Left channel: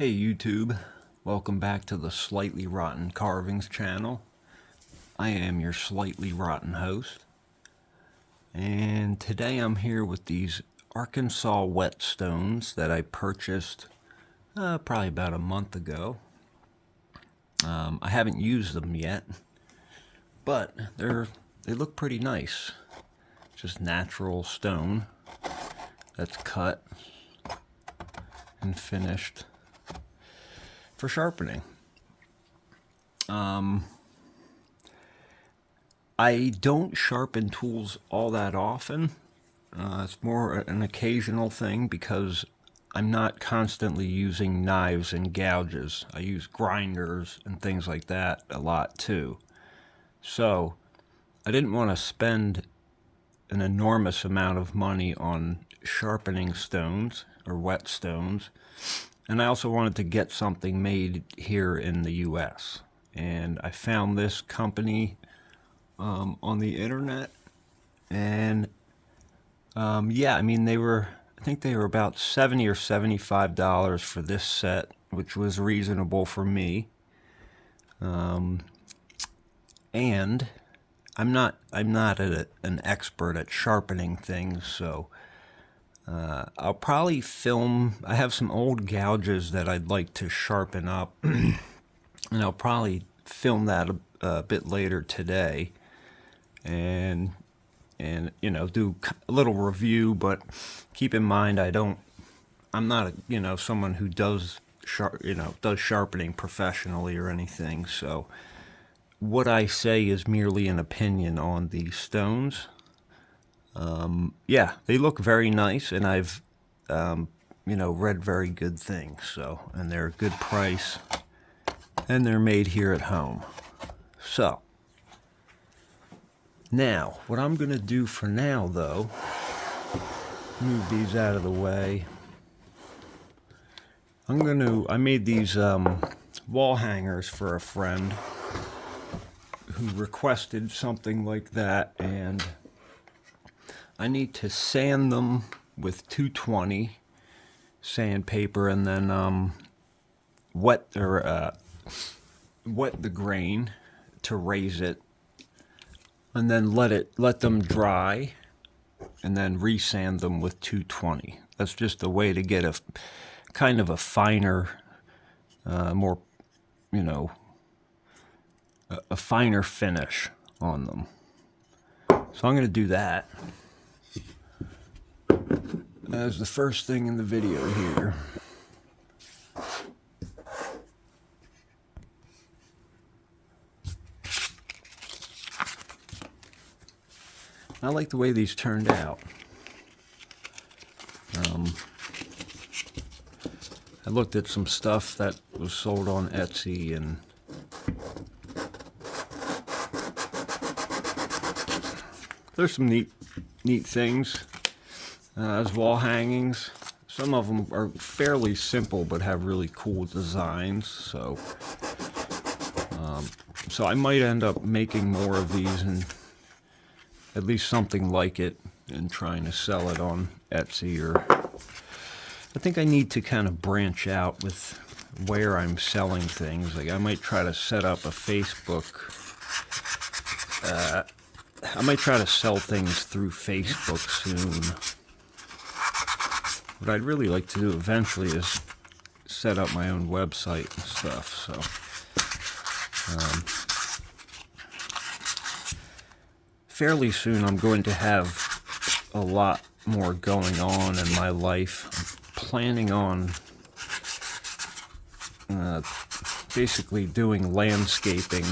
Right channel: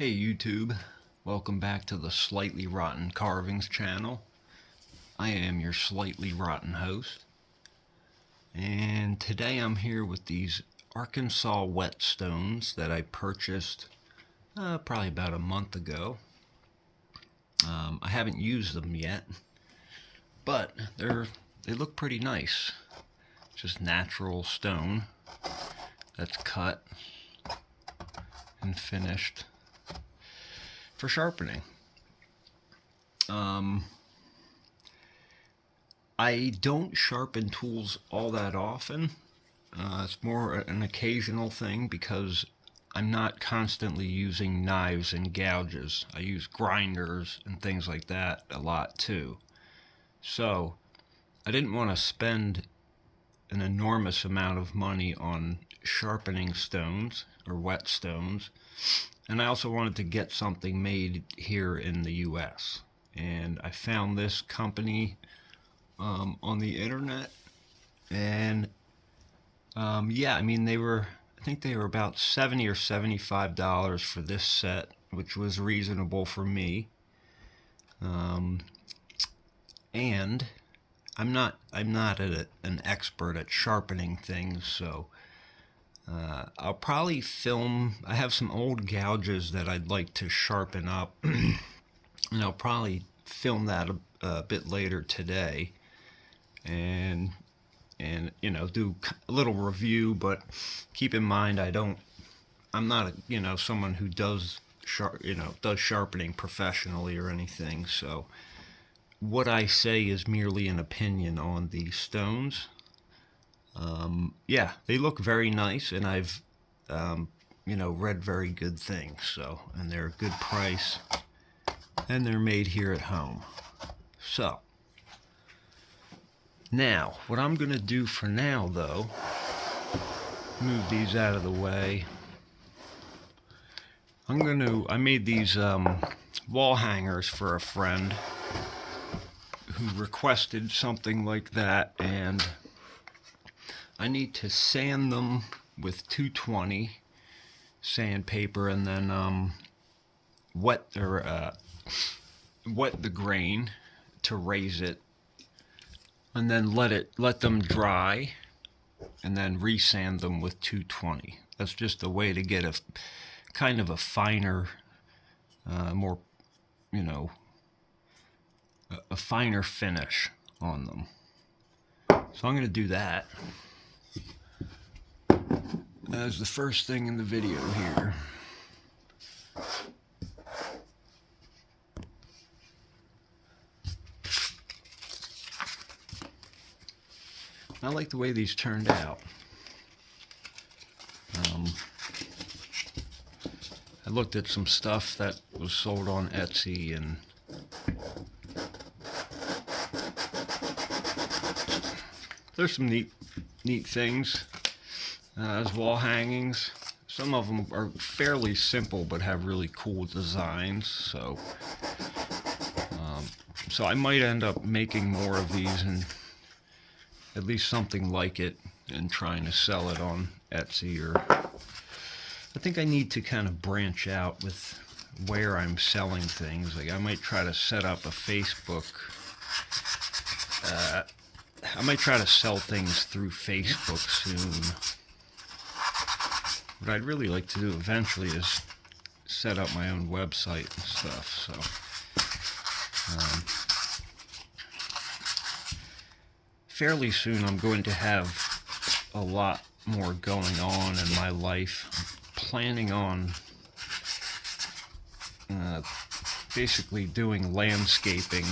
Hey YouTube, welcome back to the Slightly Rotten Carvings channel. I am your slightly rotten host, and today I'm here with these Arkansas Whetstones that I purchased probably about a month ago. I haven't used them yet, but they look pretty nice. Just natural stone that's cut and finished for sharpening. I don't sharpen tools all that often. It's more an occasional thing because I'm not constantly using knives and gouges. I use grinders and things like that a lot too. So I didn't want to spend an enormous amount of money on sharpening stones or whetstones. And I also wanted to get something made here in the US. And I found this company on the internet. And yeah, I mean, I think they were about $70 or $75 for this set, which was reasonable for me. And I'm not an expert at sharpening things, so I'll probably film. I have some old gouges that I'd like to sharpen up, and I'll probably film that a bit later today, and you know, do a little review. But keep in mind, I'm not someone who does sharpening professionally or anything. So what I say is merely an opinion on these stones. Yeah, they look very nice, and I've read very good things. So, and they're a good price, and they're made here at home. So now what I'm gonna do for now, though, move these out of the way. I made these wall hangers for a friend who requested something like that, and I need to sand them with 220 sandpaper, and then wet the grain to raise it, and then let them dry, and then resand them with 220. That's just a way to get a kind of a finer, more, a finer finish on them. So I'm going to do that as the first thing in the video here. I like the way these turned out. I looked at some stuff that was sold on Etsy, and there's some neat things as wall hangings. Some of them are fairly simple but have really cool designs. So I might end up making more of these, and at least something like it, and trying to sell it on Etsy. Or I think I need to kind of branch out with where I'm selling things. Like I might try to set up a Facebook. I might try to sell things through Facebook soon. What I'd really like to do eventually is set up my own website and stuff. So fairly soon I'm going to have a lot more going on in my life. I'm planning on basically doing landscaping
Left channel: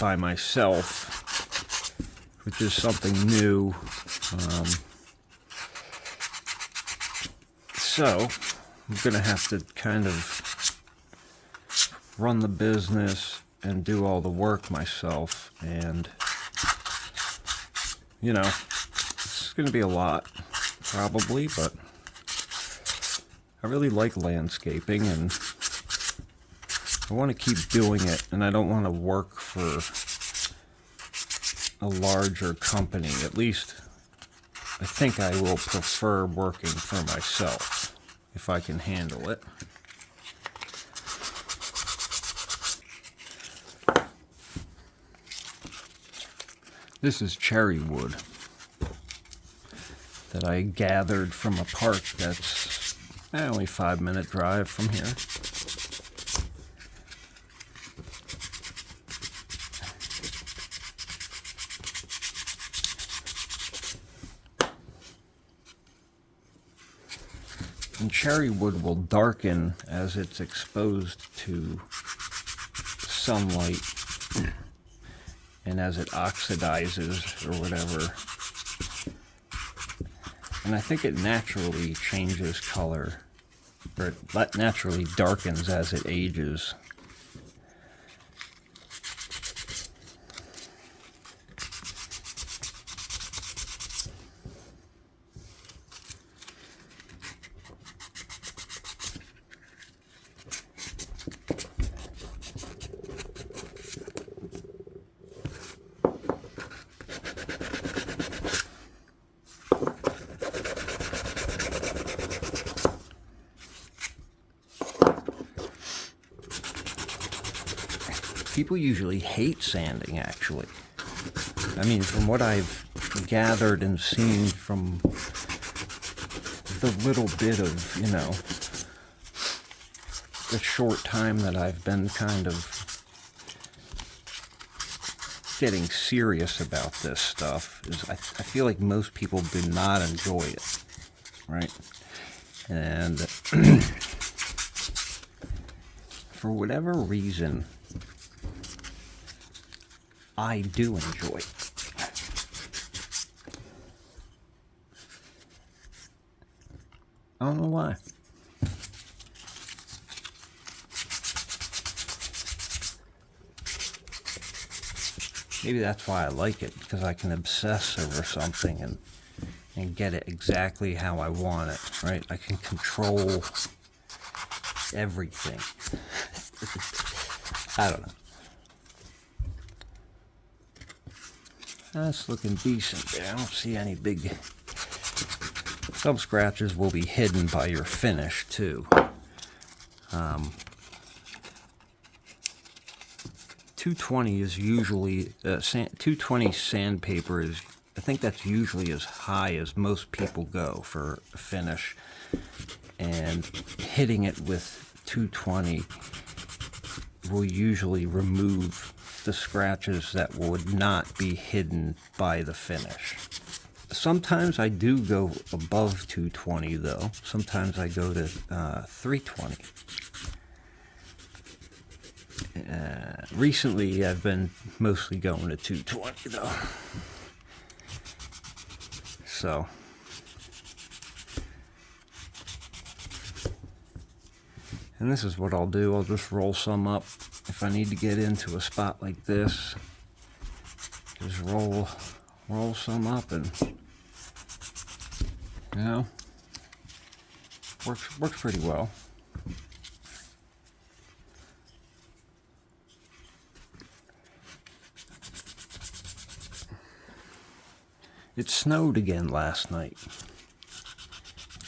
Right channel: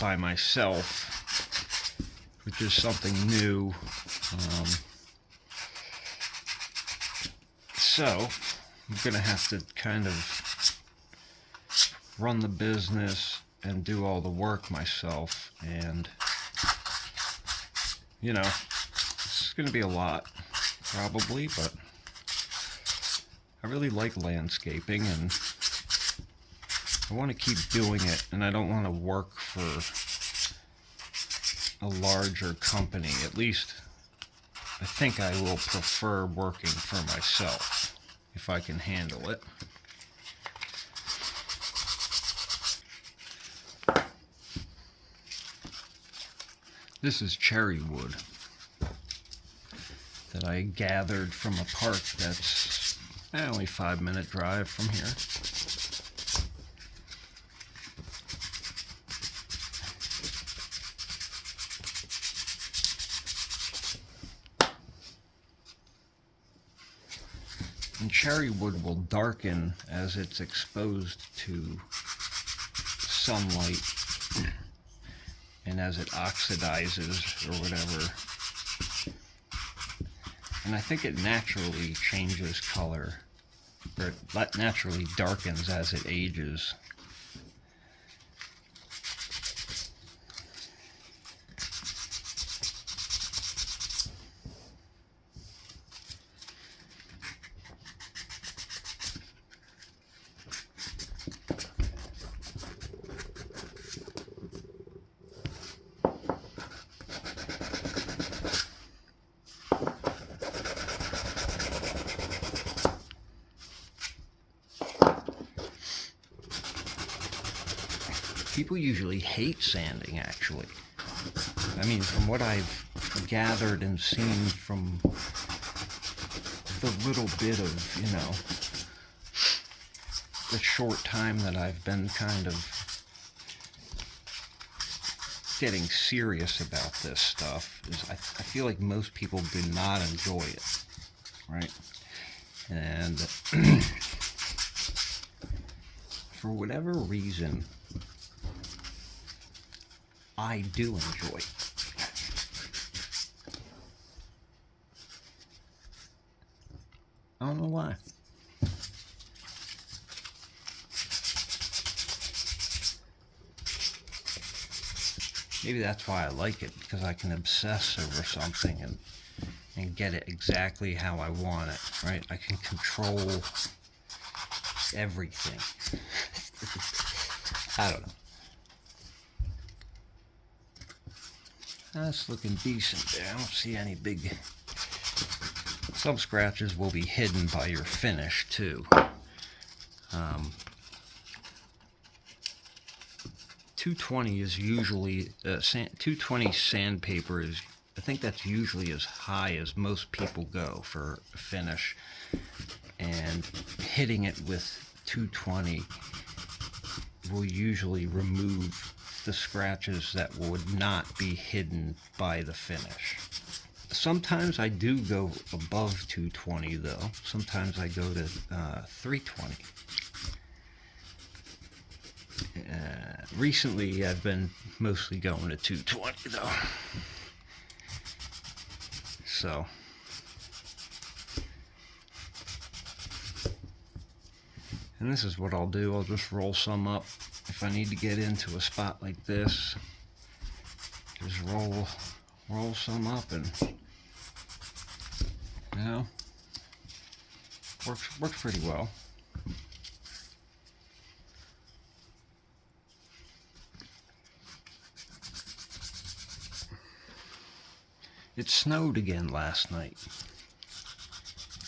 by myself, which is something new. So I'm going to have to kind of run the business and do all the work myself, and it's going to be a lot, probably, but I really like landscaping, and I want to keep doing it, and I don't want to work for a larger company. At least I think I will prefer working for myself if I can handle it. This is cherry wood that I gathered from a park that's only 5-minute drive from here. And cherry wood will darken as it's exposed to sunlight and as it oxidizes or whatever. And I think it naturally changes color, or it naturally darkens as it ages. People usually hate sanding, actually. I mean, from what I've gathered and seen from the little bit of, you know, the short time that I've been kind of getting serious about this stuff, is I feel like most people do not enjoy it, right? And for whatever reason, I do enjoy it. I don't know why. Maybe that's why I like it, because I can obsess over something and get it exactly how I want it, right? I can control everything. I don't know. That's looking decent there. I don't see any big... Some scratches will be hidden by your finish, too. 220 is usually... 220 sandpaper is... I think that's usually as high as most people go for a finish. And hitting it with 220 will usually remove the scratches that would not be hidden by the finish. Sometimes I do go above 220 though. Sometimes I go to 320. Recently I've been mostly going to 220 though. So and this is what I'll do. I'll just roll some up. If I need to get into a spot like this, just roll some up, and you know, works pretty well. It snowed again last night.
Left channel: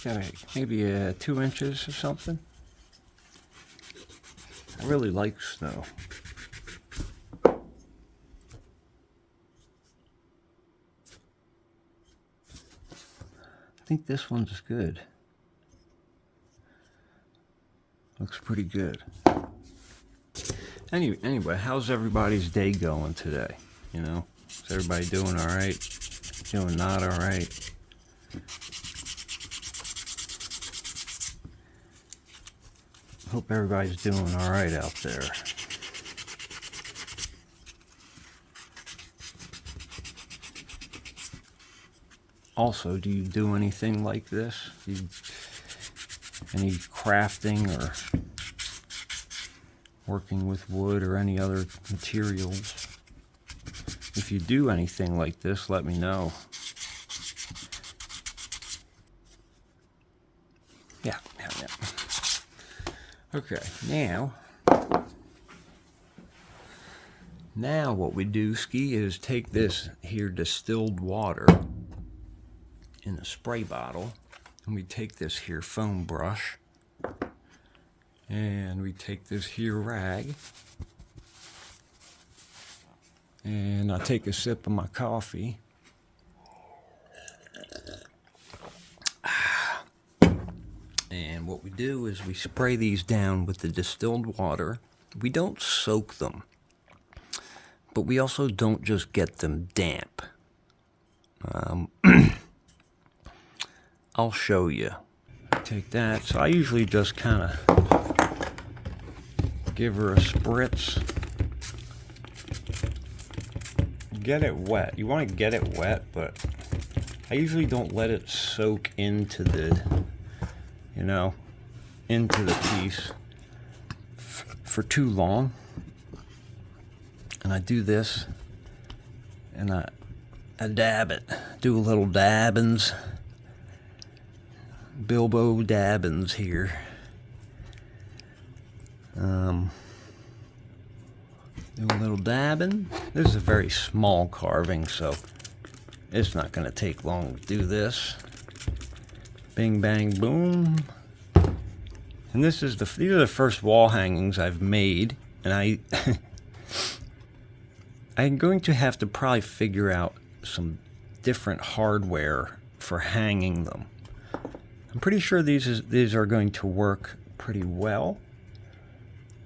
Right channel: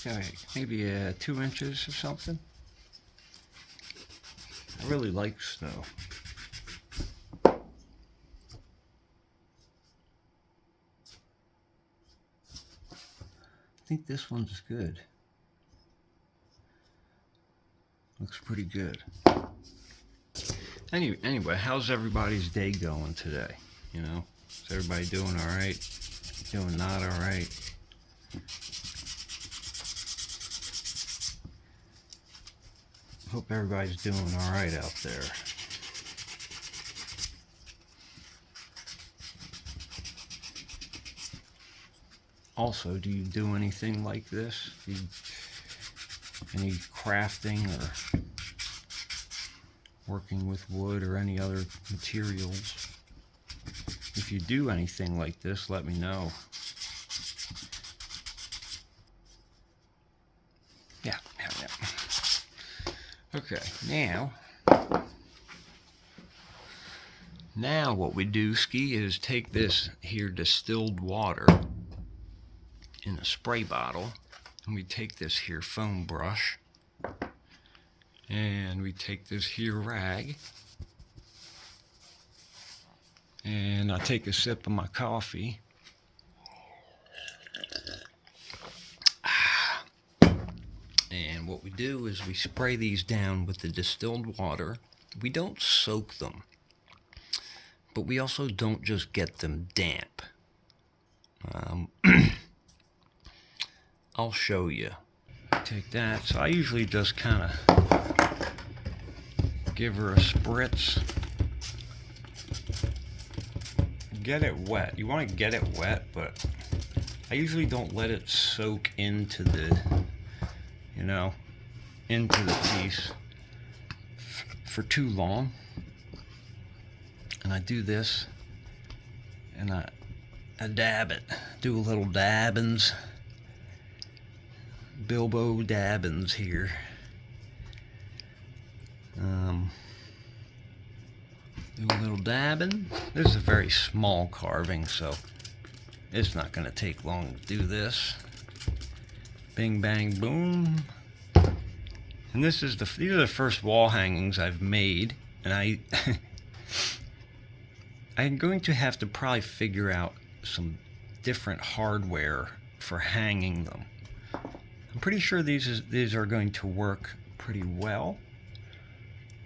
Got maybe 2 inches or something. I really like snow. I think this one's good. Looks pretty good. Anyway, how's everybody's day going today? You know, is everybody doing all right? Doing not all right? Hope everybody's doing all right out there. Also, do you do anything like this? Any crafting or working with wood or any other materials? If you do anything like this, let me know. Yeah. Okay, now what we do, Ski, is take this here distilled water in a spray bottle, and we take this here foam brush, and we take this here rag, And I take a sip of my coffee. And what we do is we spray these down with the distilled water. We don't soak them, but we also don't just get them damp. I'll show you. Take that. So I usually just kind of give her a spritz. Get it wet. You want to get it wet, but I usually don't let it soak into the, into the piece for too long. And I do this, and I dab it. Do a little dabbins. Bilbo Dabbins here. Do a little dabbing. This is a very small carving, so it's not going to take long to do this. Bing, bang, boom. And these are the first wall hangings I've made, and I'm going to have to probably figure out some different hardware for hanging them. I'm pretty sure these are going to work pretty well,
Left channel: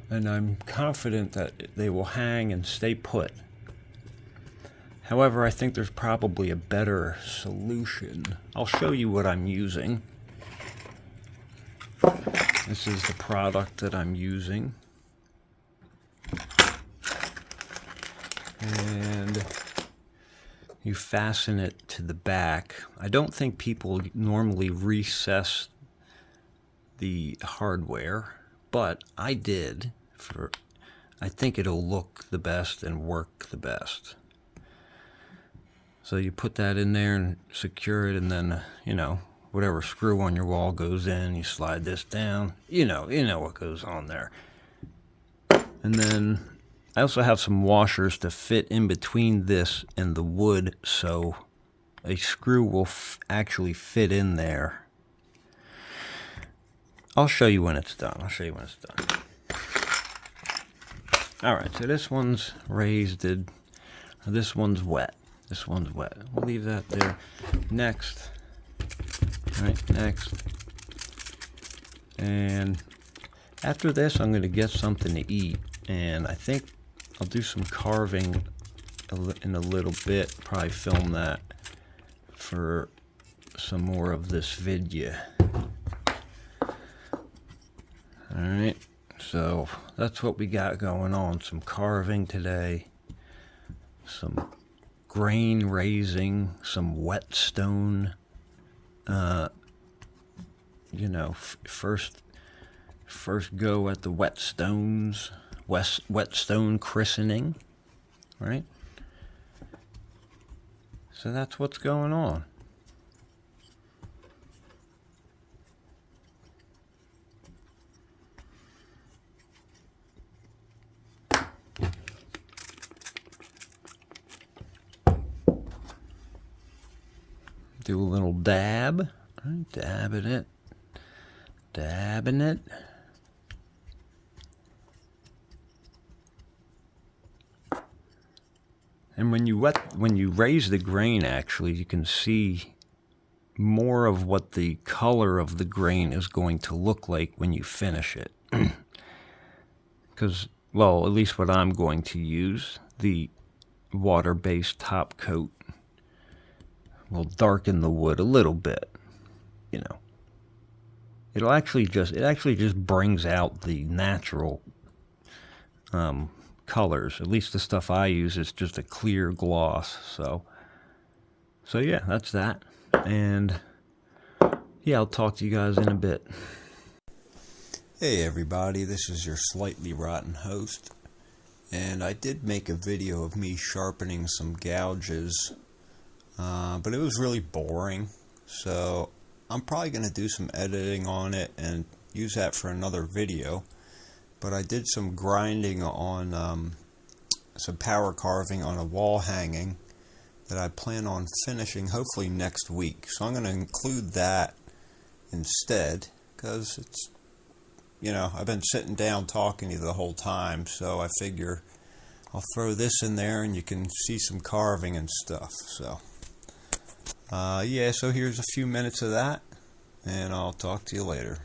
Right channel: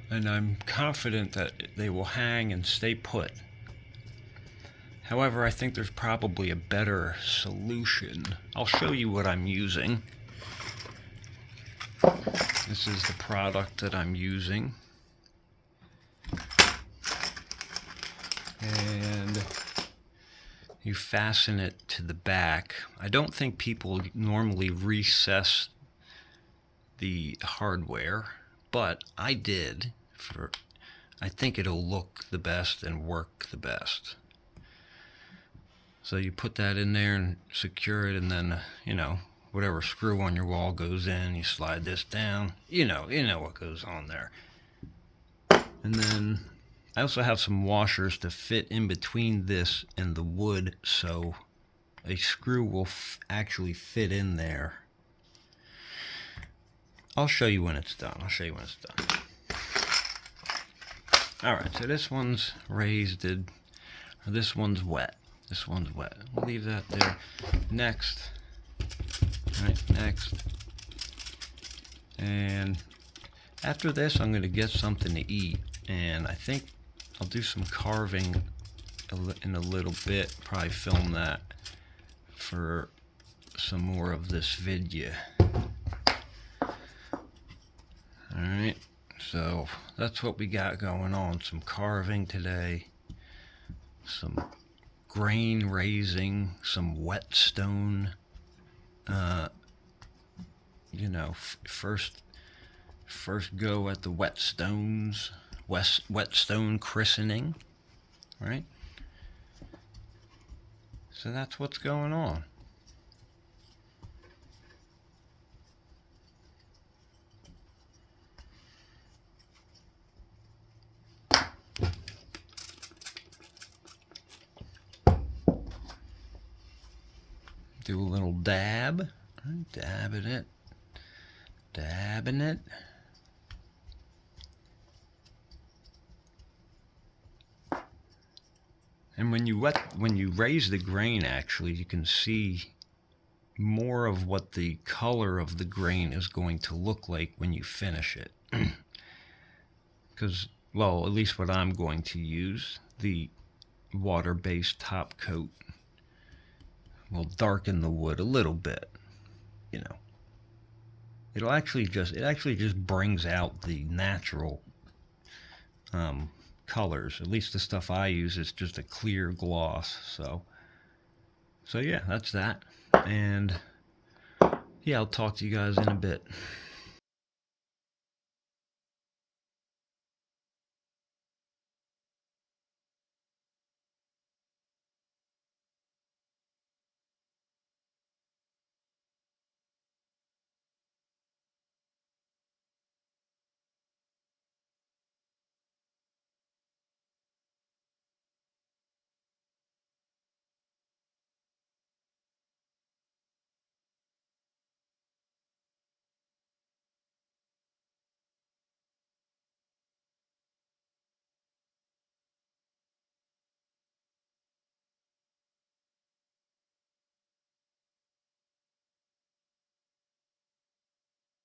and I'm confident that they will hang and stay put. However, I think there's probably a better solution. I'll show you what I'm using. This is the product that I'm using. And you fasten it to the back. I don't think people normally recess the hardware, but I did. I think it'll look the best and work the best. So you put that in there and secure it, and then, whatever screw on your wall goes in, you slide this down. You know what goes on there. And then I also have some washers to fit in between this and the wood, so a screw will actually fit in there. I'll show you when it's done. Alright, so this one's raised. This one's wet. We'll leave that there. Next. Right, next. And after this, I'm going to get something to eat. And I think I'll do some carving in a little bit. Probably film that for some more of this video. Alright, so that's what we got going on. Some carving today. Some grain raising. Some whetstone. First go at the whetstones. Whetstone christening, right? So that's what's going on. Do a little dab, dabbing it. And when you raise the grain, actually, you can see more of what the color of the grain is going to look like when you finish it. Because, well, at least what I'm going to use, the water-based top coat, will darken the wood a little bit. It actually just brings out the natural colors. At least the stuff I use is just a clear gloss. So yeah, that's that. And yeah, I'll talk to you guys in a bit. Hey everybody, this is your slightly rotten host, and I did make a video of me sharpening some gouges, but it was really boring, so I'm probably going to do some editing on it and use that for another video. But I did some grinding on some power carving on a wall hanging that I plan on finishing hopefully next week. So I'm going to include that instead, because it's, I've been sitting down talking to you the whole time, so I figure I'll throw this in there and you can see some carving and stuff. So yeah, so here's a few minutes of that, and I'll talk to you later.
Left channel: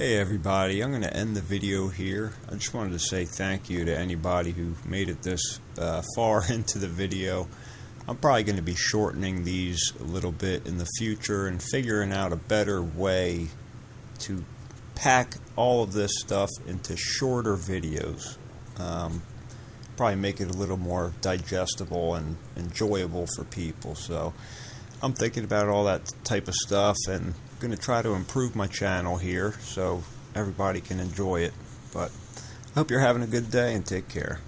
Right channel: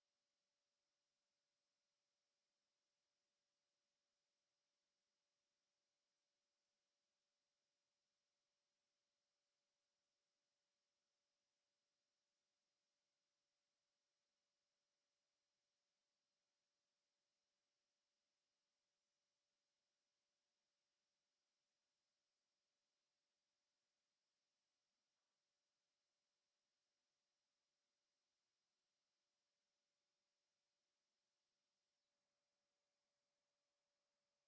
Hey everybody, I'm going to end the video here. I just wanted to say thank you to anybody who made it this far into the video. I'm probably going to be shortening these a little bit in the future and figuring out a better way to pack all of this stuff into shorter videos. Probably make it a little more digestible and enjoyable for people. So I'm thinking about all that type of stuff and going to try to improve my channel here so everybody can enjoy it. But I hope you're having a good day and take care.